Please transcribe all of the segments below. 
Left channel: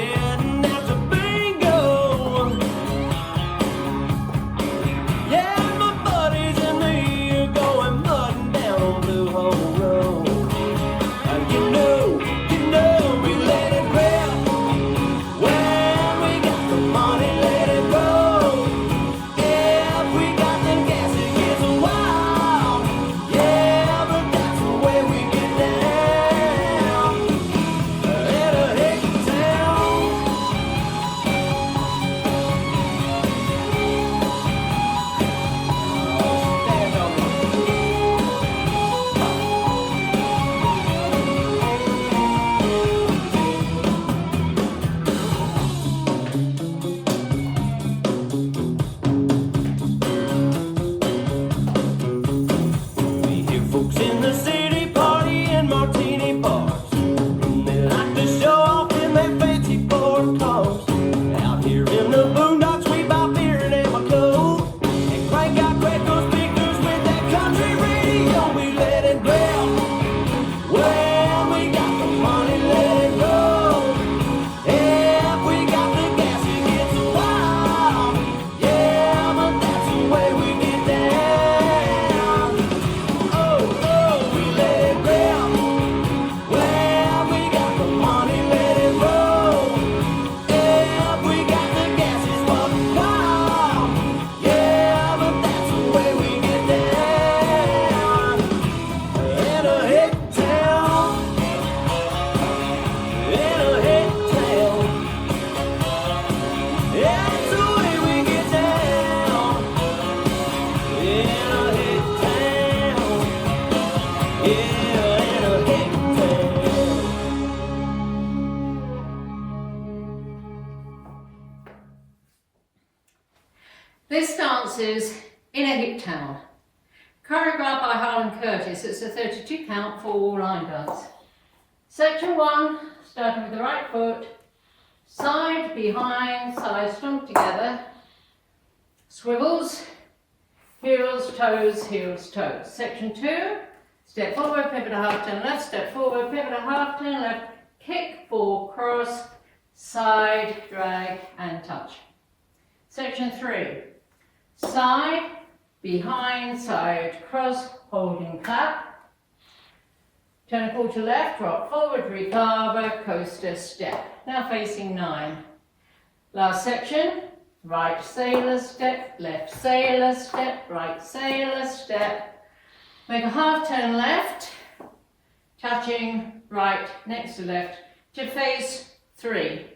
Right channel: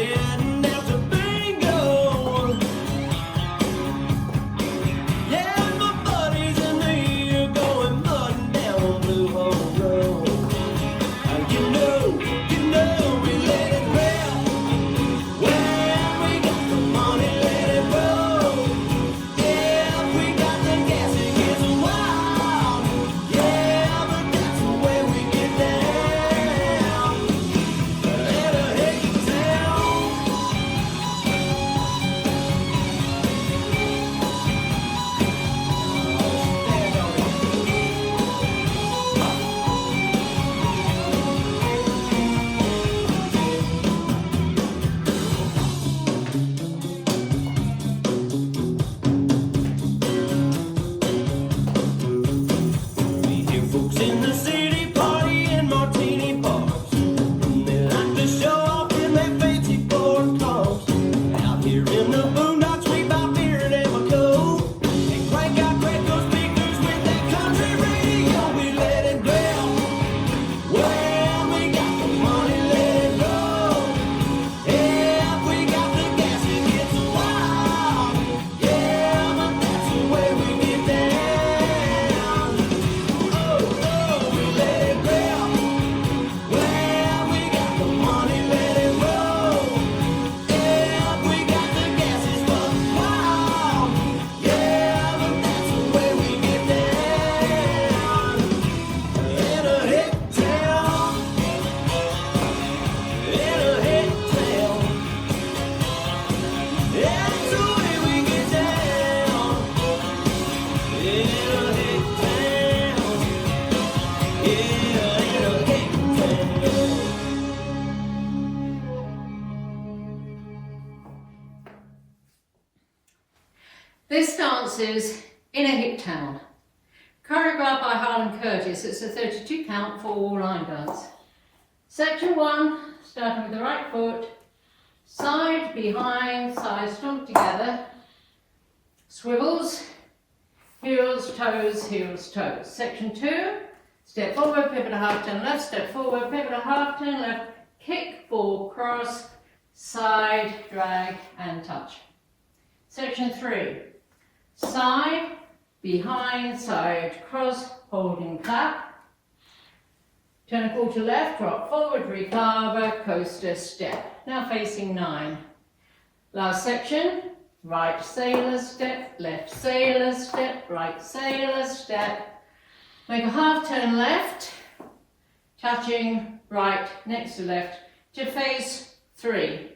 heading out to bingo. Yeah, my buddies and me are going mudding down on Blue Hole Road. You know, we let it rip. When we got the money, let it roll. Yeah, we got the gas, it gets wild. Yeah, but that's the way we get down. At a Hicktown. We hear folks in the city partying martini bars. They like to show off in their fancy Ford cars. Out here in the boondocks, we bout beer and Amoco. And crank out Greco speakers with that country radio. We let it rip. Well, we got the money, let it go. Yeah, we got the gas, it gets wild. Yeah, but that's the way we get down. Oh, we let it rip. Well, we got the money, let it roll. Yeah, we got the gas, it's fucking wild. Yeah, but that's the way we get down. In a Hicktown. In a Hicktown. Yeah, that's the way we get down. In a Hicktown. Yeah, in a Hicktown. This dance is In a Hicktown, choreographed by Harlan Curtis. It's a 32 count for line dance. Section 1, starting with the right foot, side, behind, side, stomp together, swivels, heels, toes, toes. Section 2, step forward, pivot a half turn left, step forward, pivot a half turn left, kick, ball, cross, side, drag and touch. Section 3, side, behind, side, cross, holding clap, turn a quarter left, rock forward, recarver, coaster, step. Now facing 9. Last section, right sailor step, left sailor step, right sailor step. Make a half turn left, touching right next to left to face 3.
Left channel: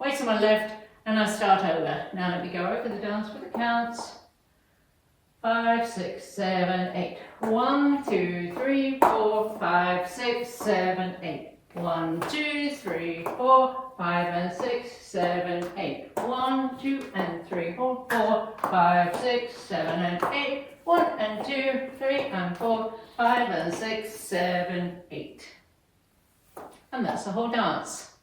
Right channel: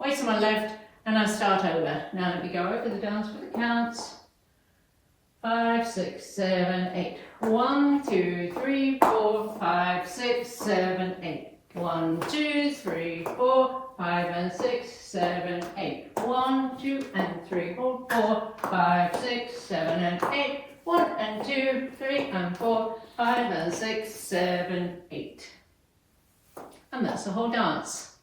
Weights on my left and I start over. Now let me go over the dance for the counts. 5, 6, 7, 8. 1, 2, 3, 4, 5, 6, 7, 8. 1, 2, 3, 4, 5 and 6, 7, 8. 1, 2 and 3, 4, 4, 5, 6, 7 and 8. 1 and 2, 3 and 4, 5 and 6, 7, 8. And that's the whole dance.